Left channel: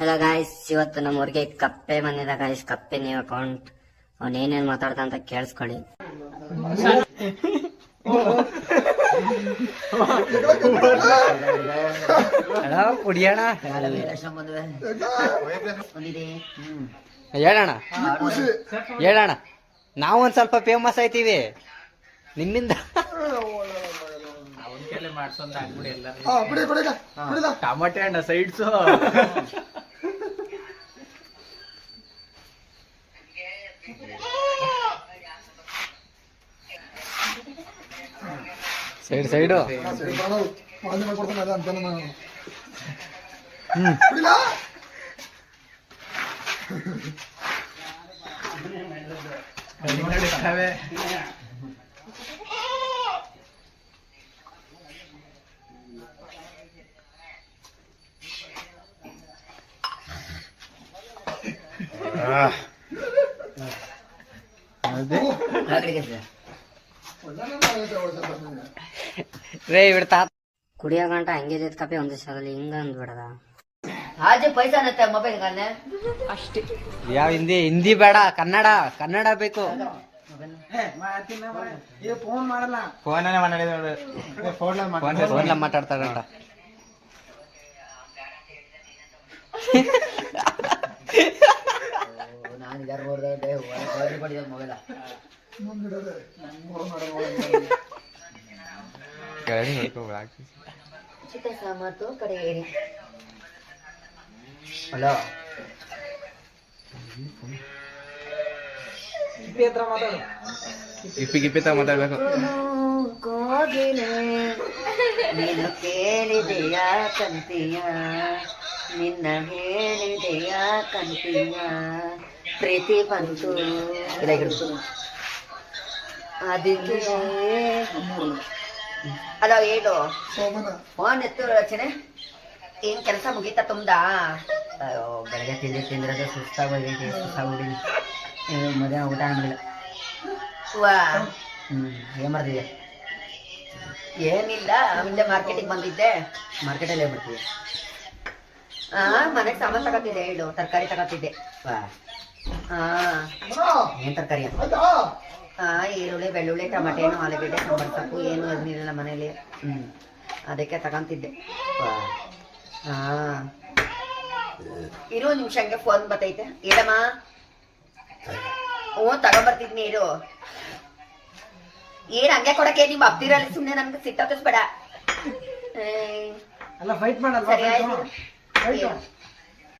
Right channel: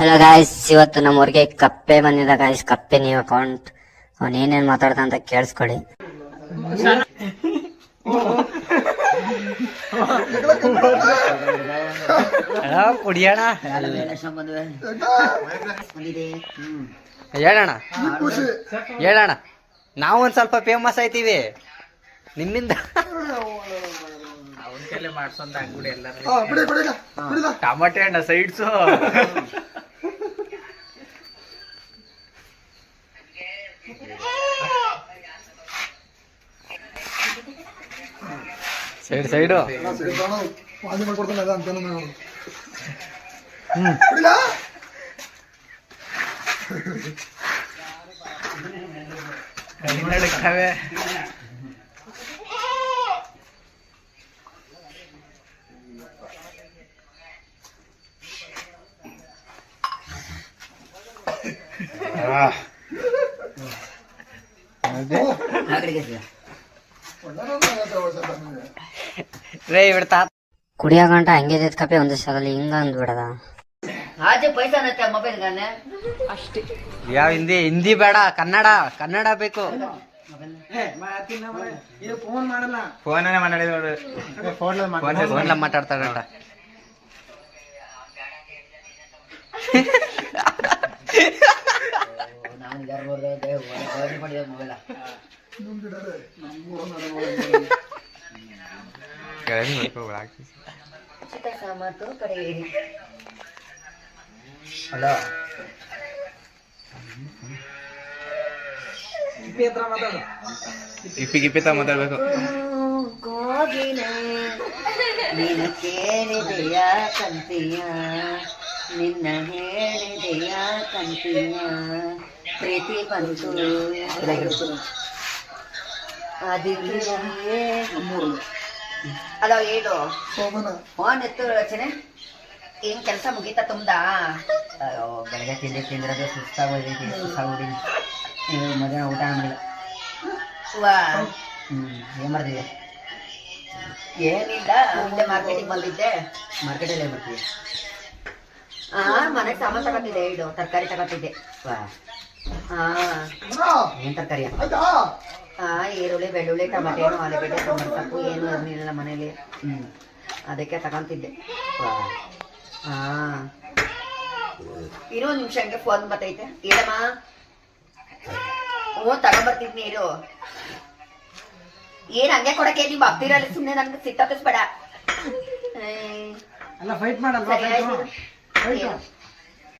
Hello guys, ಇವತ್ತು ನಮ್ಮೂರಿಗೆ ಕಪ್ಪೆ ಬಂದಿದೆ ಗಾಯ್ಸ್. ಕಪ್ಪೆ ನೀವು ಅಕೌಂಟ್ ಅವನ್ ಏನೇನ್ ಮಾತಾಡ್ತಾ ಅಂತ ಕೇಳಿಸ್ಕೊಳ್ಳಿ. ಕುಡಿಯೋಣ ಹೇಳೋಣ ಹೇಳೋಣ. ನಾವು ಒಂದ್ ಸ್ವಲ್ಪ ಫೇಮಸ್ ಆಯ್ತೀವಿ ನಿಮ್ಮಿಂದ. ಮಾಡ್ಸೊಂತ ಆಗ್ಬಿಡಿ ಎಲ್ಲರೂ. ಟಮಾಟೆ ಹಣ್ಣ ಸೈಡ್ಸು ಸೈಡ್ ಸೈಡು ನಡಕ್ತವೆ. ಕುಡಿಯೋ ಗಂಟ ಹಂಗೆ ಕಪ್ಪೆ ಒಂದು ಸಲ ಹಿಂಗ ಅಂದ್ಬಿಡದ. ಆಜು ಪೈಸಾ ನತ್ತೆ ಮೊಬೈಲ್ ಗಾನೆ ಅಷ್ಟೇ. ಯಾವ ಹಿಂದಿ ಬೇಡ, ಕನ್ನಡ ಬೇಕು. ಫೋನ್ ಮಾತಾಡ್ತಾರಂಟ. ನಾನು ಯಾರು ಮೊಬೈಲ ಸಾಮರ್ಥ್ಯ ಕಡೆ ಹೇಳಿ. ಹಲೋ ಗಿಪ್ಪಿ ಮಾತಾಡ್ಬೇಕು. ಕೋಗಿಲೆ ನಿನ್ನ ಕೇಳಿದೆಯ ಕಂತೀಯ, ನಿನ್ನ ಹೇಳಿದೆಯ ಕಂತೀಯ, ಪ್ರೀತಿ ಬಂತು ಅದಕ್ಕೆ. ಅಲೋ ಹೇಳು, ಫೋನ್ ಎತ್ತು ರಚನೆ. ಏನ್ ಕೆಲಸ ಮುಗೀತಾ ತುಂಬ್ದ? ಅಯ್ಯೋ ಬೆಳಗ್ಗೆ ತಿಂದಿರೋದು ಸುಸ್ತಾಗೋಗೈತಿ. ಮಧ್ಯಾಹ್ನ ಊಟ ಮಾಡಿಲ್ಲ. ವಾ ಏನ್ ಮಾಡ್ತಿದ್ದೆ? ಏನಿಲ್ಲ, ಮುಂದೆ ಮಾರ್ಕೆಟಿಗೆ ಬಂದಿದ್ದೆ. ಮಾರ್ಕೆಟಲ್ಲಿ ಏನ್ ಮಾಡ್ತಿದ್ದೆ? ಮನೆಗೆ ಸಾಮಾನು ತಗೋತಿದ್ದೆ. ಹೇಳು, ತರಕಾರಿ ತಗೋತಿದ್ದೆ. ವಾ ಏನ್ ತರಕಾರಿ? ಈರುಳ್ಳಿ, ಬೆಳ್ಳುಳ್ಳಿ, ಟಮಾಟೆ ಹಣ್ಣು, ಆಲೂಗಡ್ಡೆ, ಸಾಂಬಾರು ಸೊಪ್ಪು ಏನು ಇರಲಿಲ್ಲ ಮನೇಲಿ. ಅದಕ್ಕೆ ತಗೊಂತಿದ್ದೆ. ಇರು ಒಂದು ನಿಮಿಷ, ಹಂಗೆ ಫೋನ್ ಬರ್ತೈತೆ. ಹೇಳಮ್ಮ. ತಗೊಂಬರ್ತಿದ್ನಿ ಇರು. ಏನ್ ಹಂಗೆ ಕೊಡಕ್ಕೆ ನೀವು ಅಪ್ತಿರಲ್ಲಿ ಸುಮ್ಮನೆ ನನ್ಗೆ ಸಿಟ್ಟಾಕಿಸ್ಬೇಡ. ಫೈಟ್ ಮಾಡಲ್ಲ.